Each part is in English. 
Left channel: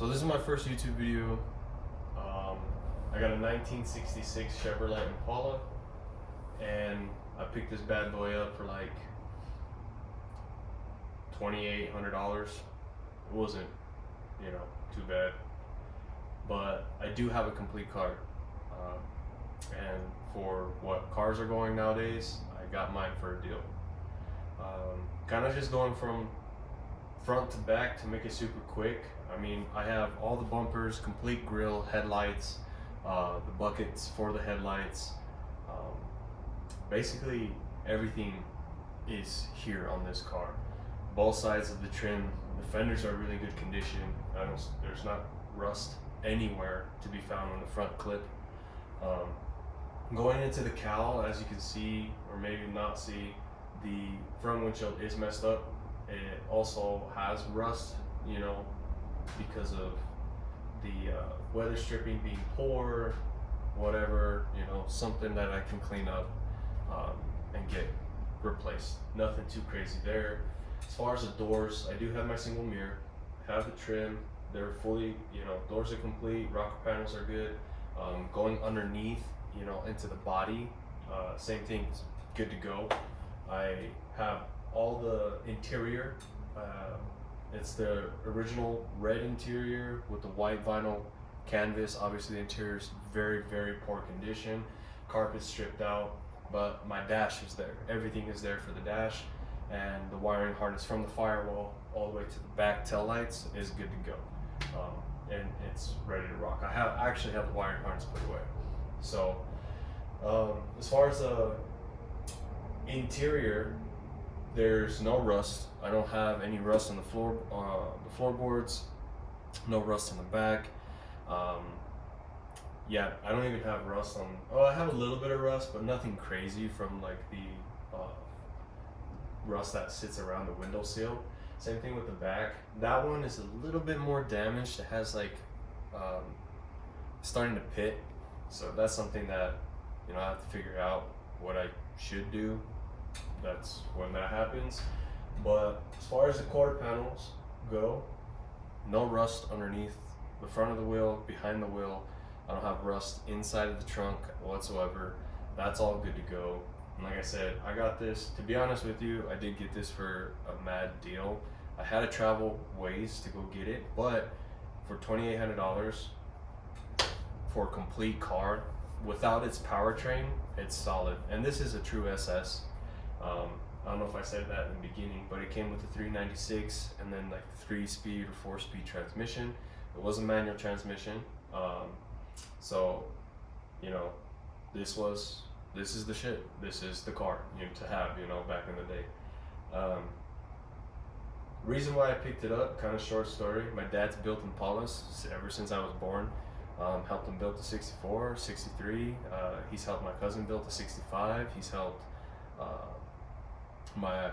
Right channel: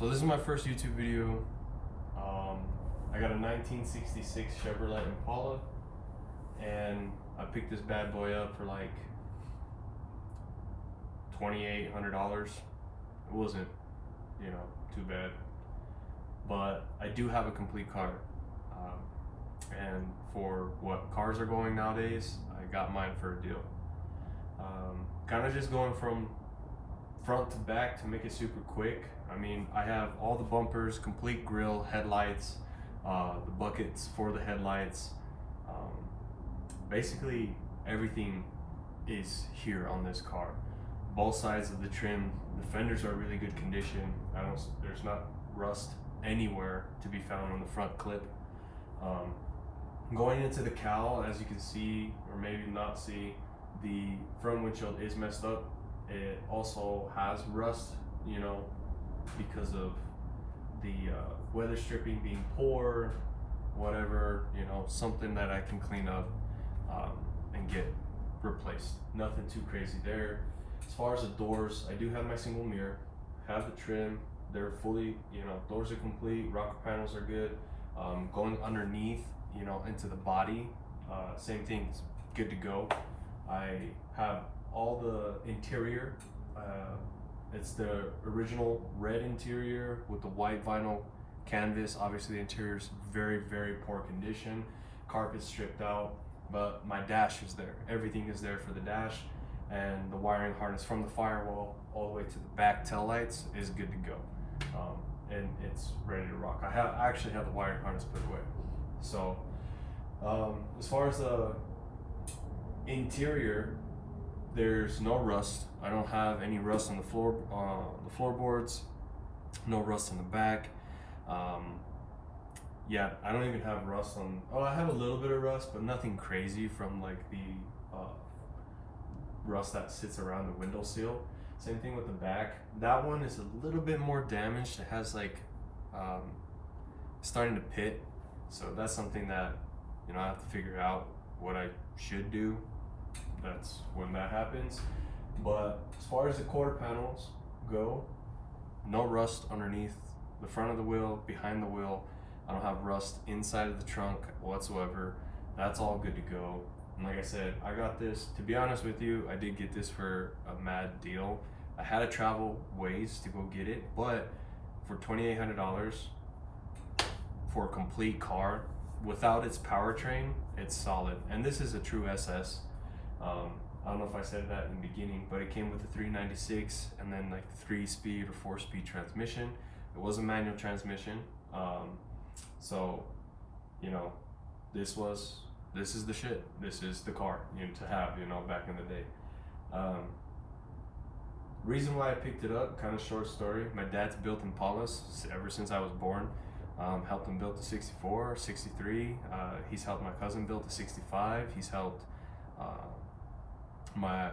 So this is my first YouTube video. I got a 1966 Chevrolet Impala, and I picked this bad boy up for like $2,800. It wasn't, too bad. But I do have a complete car, and for what cars are going nowadays, I got mine for a deal. Kind of just going from front to back to make it super quick. I mean, I have all the bumpers, complete grille, headlights, the buckets for the headlights. Basically everything is here on this car. Both sides of the trim, the fenders are really good condition. There's not rust anywhere to be found on the front clip. Going into the cowl, as you can see, or maybe not see, the front windshield is messed up. It also has rust, because of the weather stripping being poor, whatever, something that I can clean up and get replaced. Nothing too crazy there. As far as the doors, I do have my single mirror, have the trim, they're fully, doors are complete, rocker panels are good. Going underneath, into the body, same thing, it's good to go. I have all the interior, it's the original red interior with the white vinyl canvas. Obviously the interior is very, very poor condition, carpet stripped out, but my dash is there. Everything is there for the dash, and the wiring harness from the firewall all the way to the back tail lights is good to go. And it's ready to rock. I actually have the wiring harness put away. So as far as the interior, there's no rust. I don't have any rust on the floorboards, no rust in the back. Yeah, I don't even have rust on, I have a little bit of rust, but nothing crazy from like the rust that sits around the window seal. Same thing with the back. That one is a little bit more damaged. It has like starting to pit. So that's something that I have to figure out what I should do. That's when that happens. But as far as the quarter panels go, no rust underneath the front of the wheel, behind the wheel. I don't have rust inside of the trunk whatsoever. That's all good to go. And like I said, I got this, to be honest with you, I did get this for a mad deal. I had to travel ways to go get it, but for $2,800 for a complete car, without its powertrain, it's solid. And this is a true SS. I don't know if I said that in the beginning, but it came with the 396 and then like the 3-speed or 4-speed transmission. It was a manual transmission. So, this is the shit. This is the car, to have, back in the day. Reason why I picked it up, kind of short story. My dad's built Impalas ever since I was born. Helped him build the 64, 63. He's helped my cousin build the 65. He's helped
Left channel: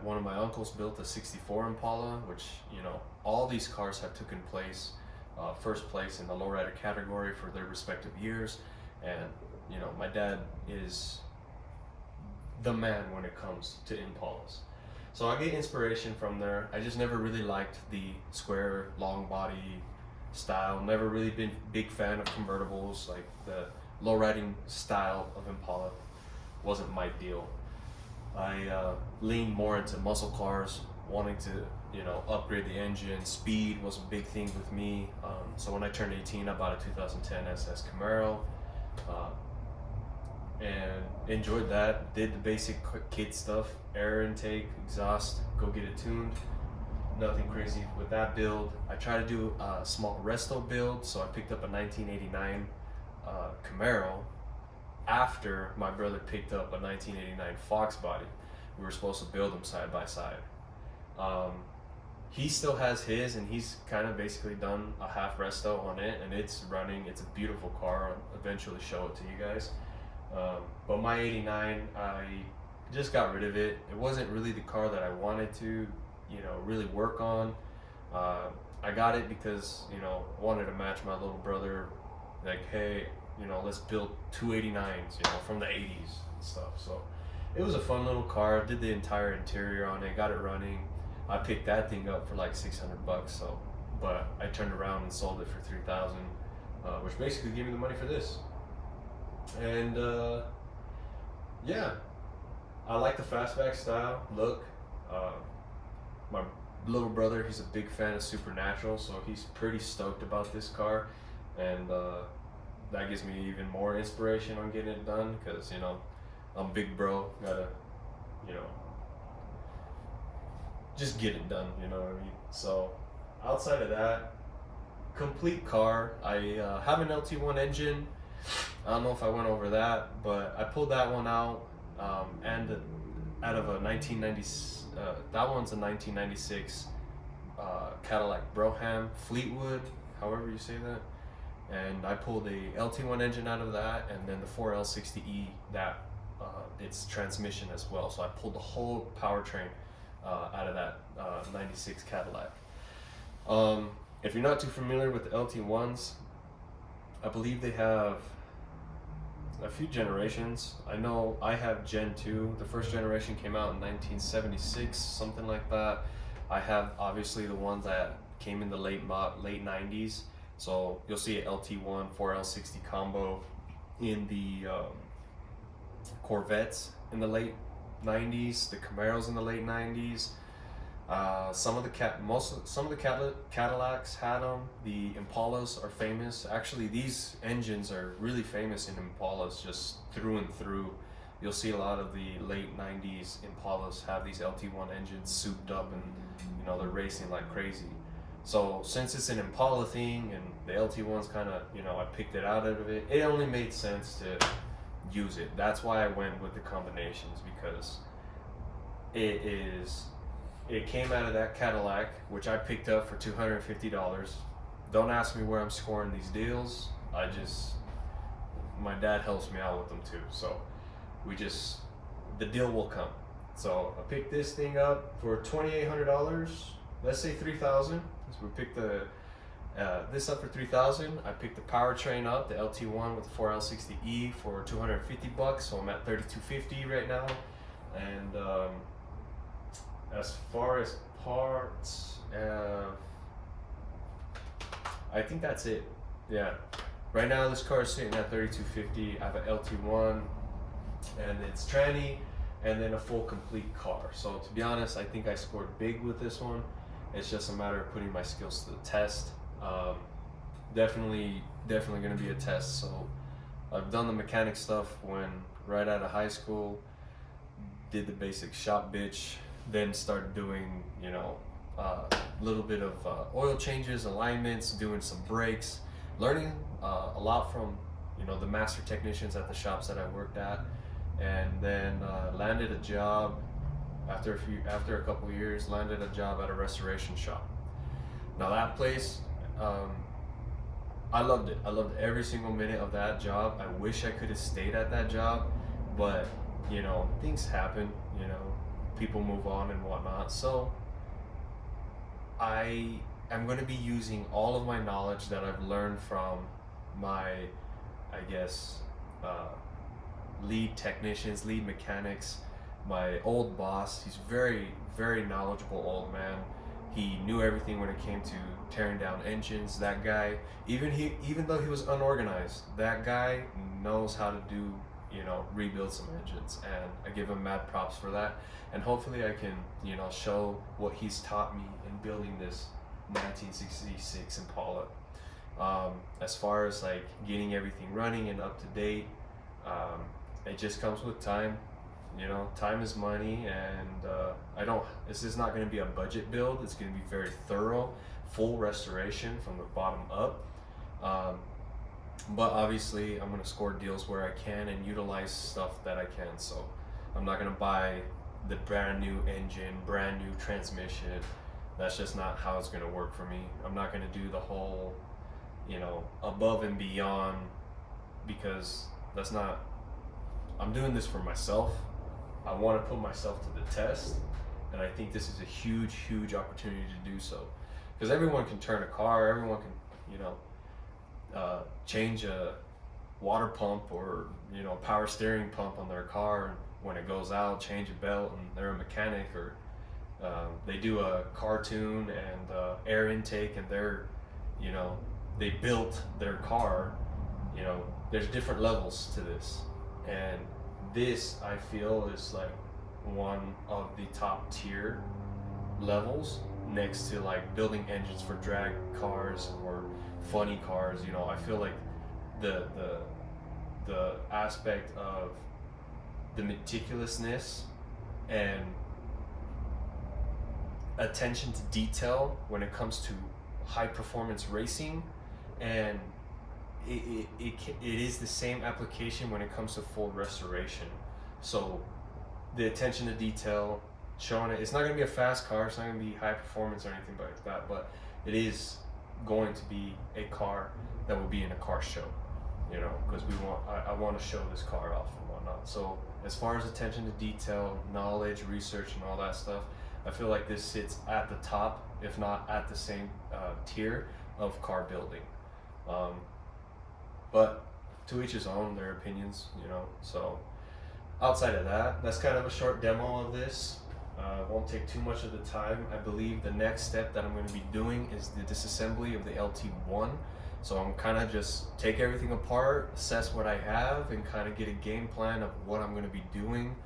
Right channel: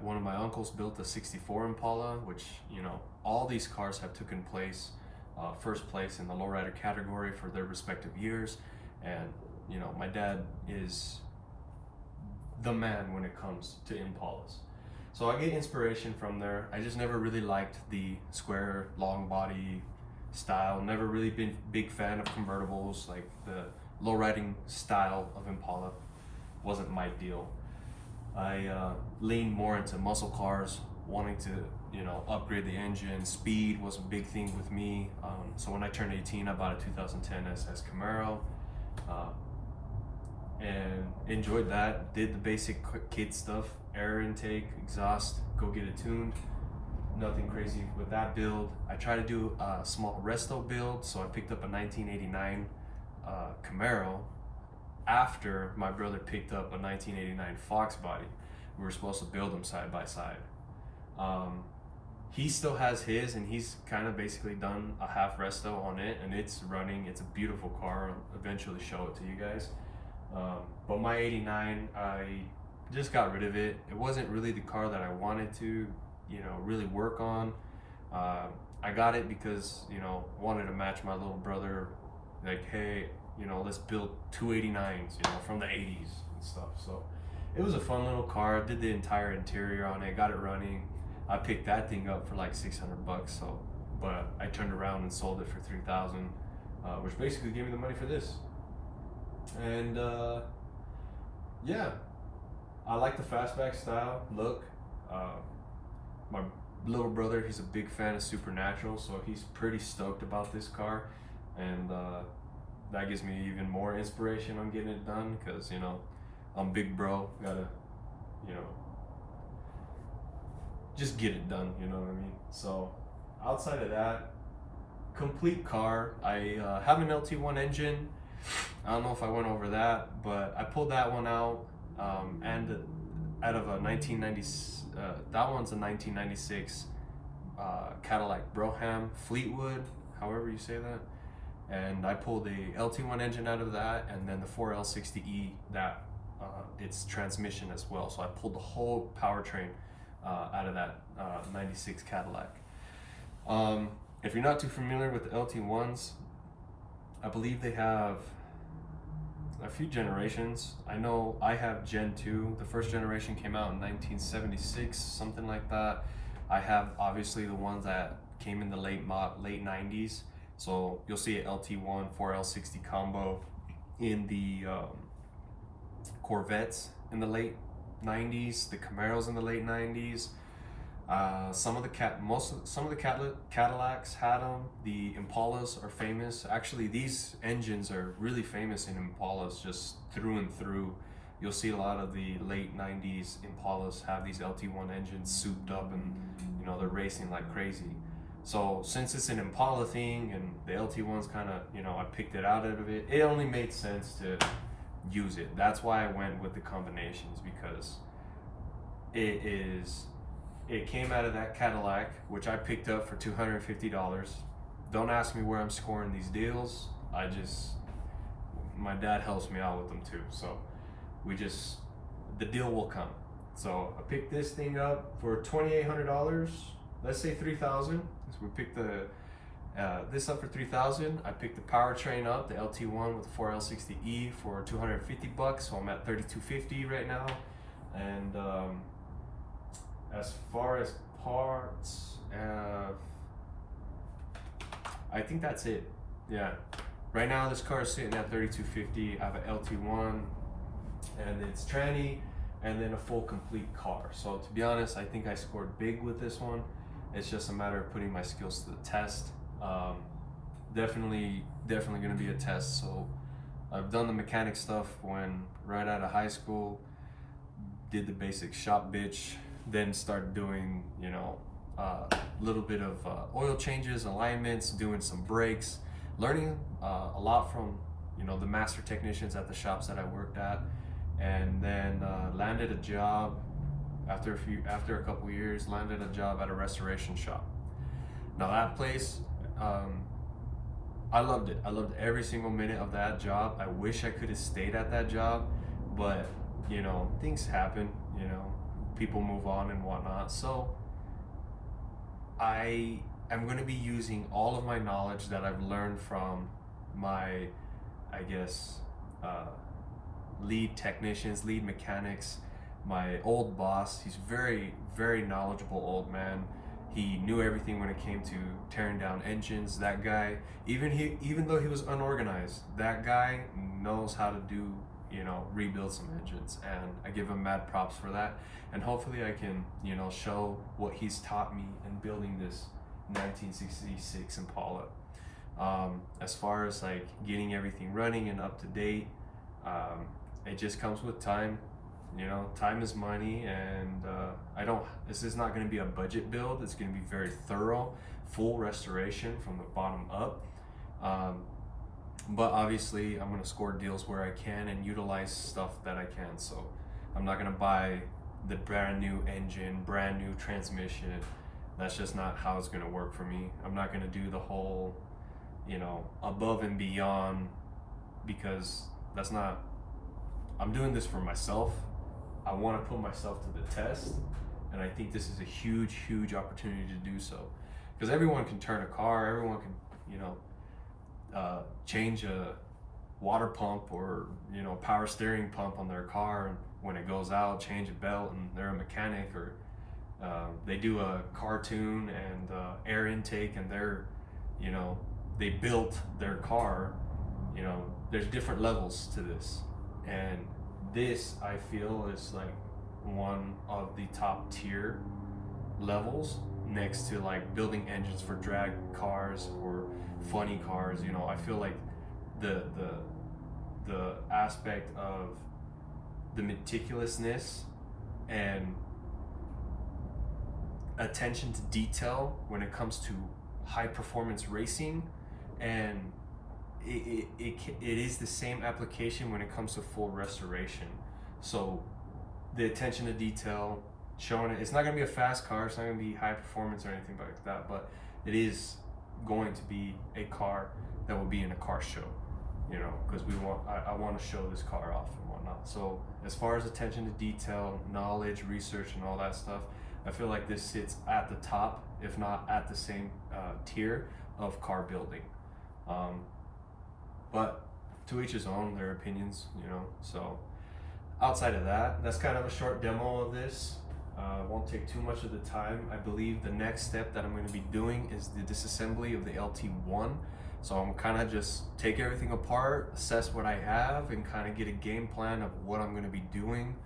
one of my uncles built a 64 Impala, which, all these cars have taken place, first place in the lowrider category for their respective years. And, my dad is the man when it comes to Impalas. So I get inspiration from there. I just never really liked the square, long body style. Never really been a big fan of convertibles. Like the lowriding style of Impala wasn't my deal. I leaned more into muscle cars, wanting to, upgrade the engine. Speed was a big thing with me. So when I turned 18, I bought a 2010 SS Camaro, and enjoyed that. Did the basic kit stuff, air intake, exhaust, go get it tuned. Nothing crazy with that build. I tried to do a small resto build, so I picked up a 1989 Camaro after my brother picked up a 1989 Fox body. We were supposed to build them side by side. He still has his, and he's kind of basically done a half resto on it, and it's running. It's a beautiful car. I'll eventually show it to you guys. But my 89, I just got rid of it. It wasn't really the car that I wanted to, really work on. I got it because, wanted to match my little brother. Like, hey, let's build two 89s, from the 80s and stuff. So it was a fun little car. Did the entire interior on it, got it running. I picked that thing up for like $600, so but I turned around and sold it for $3,000, which basically gave me the money for this. And yeah, I like the fastback style look. My little brother, he's a big fan of Supernatural, so he's pretty stoked about this car, and that gives me even more inspiration on getting it done, because you know, I'm big bro, gotta, you know, just get it done, you know what I mean? So outside of that, complete car. I have an LT1 engine. I don't know if I went over that, but I pulled that one out, and out of a 1990, that one's a 1996 Cadillac Brougham Fleetwood, however you say that. And I pulled a LT1 engine out of that, and then the 4L60E, that its transmission as well. So I pulled the whole powertrain out of that 96 Cadillac. If you're not too familiar with the LT1s, I believe they have a few generations. I know I have Gen 2. The first generation came out in 1976, something like that. I have obviously the ones that came in the late 90s. So you'll see an LT1 4L60 combo in the Corvettes in the late 90s, the Camaros in the late 90s. Some of the Cadillacs had them. The Impalas are famous. Actually, these engines are really famous in Impalas, just through and through. You'll see a lot of the late 90s Impalas have these LT1 engines souped up, and you know, they're racing like crazy. So since it's an Impala thing and the LT1's kind of, you know, I picked it out of it, it only made sense to use it. That's why I went with the combinations, because it came out of that Cadillac, which I picked up for $250. Don't ask me where I'm scoring these deals. My dad helps me out with them too. So the deal will come. So I picked this thing up for $2,800. Let's say $3,000. So we picked this up for $3,000. I picked the powertrain up, the LT1 with the 4L60E for $250. So I'm at $3,250 right now. And as far as parts, I think that's it. Yeah. Right now this car is sitting at $3,250. I have an LT1, and it's tranny, and then a full complete car. So to be honest, I think I scored big with this one. It's just a matter of putting my skills to the test. Definitely gonna be a test. So I've done the mechanic stuff when right out of high school, did the basic shop bitch, then started doing, you know, a little bit of oil changes, alignments, doing some brakes, learning a lot from, you know, the master technicians at the shops that I worked at, and then landed a job after a couple years, landed a job at a restoration shop. Now that place, I loved it. I loved every single minute of that job. I wish I could have stayed at that job, but you know, things happen, you know, people move on and whatnot. So I am going to be using all of my knowledge that I've learned from my, I guess, lead technicians, lead mechanics, my old boss. He's very, very knowledgeable old man. He knew everything when it came to tearing down engines. That guy, even though he was unorganized, that guy knows how to do, you know, rebuild some engines, and I give him mad props for that. And hopefully I can, you know, show what he's taught me in building this 1966 Impala. As far as like getting everything running and up to date, it just comes with time. You know, time is money, and this is not going to be a budget build. It's going to be very thorough, full restoration from the bottom up. But obviously I'm going to score deals where I can and utilize stuff that I can. So I'm not going to buy the brand new engine, brand new transmission. That's just not how it's going to work for me. I'm not going to do the whole, you know, above and beyond, because that's not, I'm doing this for myself. I want to put myself to the test, and I think this is a huge, huge opportunity to do so. Because everyone can turn a car, everyone can, you know, change a water pump or, you know, power steering pump on their car, and when it goes out, change a belt, and they're a mechanic, or They do a cartoon and air intake, and they built their car. There's different levels to this, and this I feel is like one of the top tier levels, next to like building engines for drag cars or funny cars. I feel like the aspect of the meticulousness and attention to detail when it comes to high performance racing, and it is the same application when it comes to full restoration. So the attention to detail, showing it's not going to be a fast car, it's not going to be high performance or anything like that, but it is going to be a car that will be in a car show, because I want to show this car off and whatnot. So as far as attention to detail, knowledge, research, and all that stuff, I feel like this sits at the top, if not at the same tier of car building. But to each his own, their opinions, So outside of that, that's kind of a short demo of this. Won't take too much of the time. I believe the next step that I'm going to be doing is the disassembly of the LT1. So I'm kind of just take everything apart, assess what I have, and kind of get a game plan of what I'm going to be doing.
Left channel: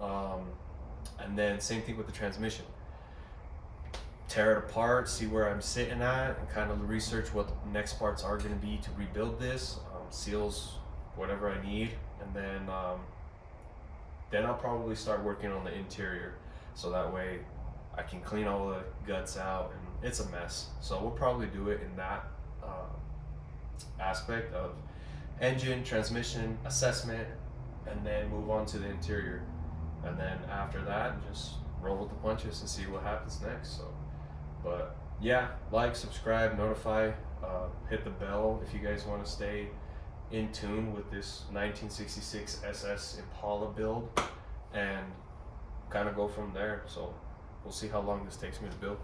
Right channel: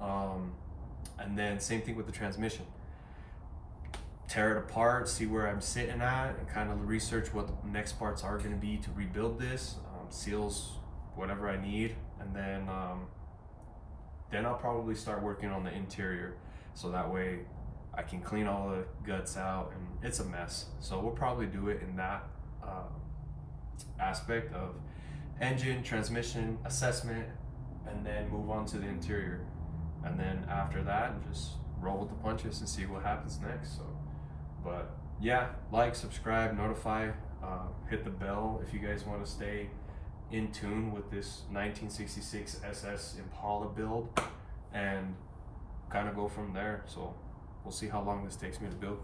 And then same thing with the transmission. Tear it apart, see where I'm sitting at, and kind of research what the next parts are going to be to rebuild this, seals, whatever I need, and then I'll probably start working on the interior, so that way I can clean all the guts out, and it's a mess. So we'll probably do it in that aspect of engine, transmission, assessment, and then move on to the interior. And then after that, just roll with the punches and see what happens next. So, but yeah, like, subscribe, notify, hit the bell if you guys want to stay in tune with this 1966 SS Impala build, and kind of go from there. So we'll see how long this takes me to build.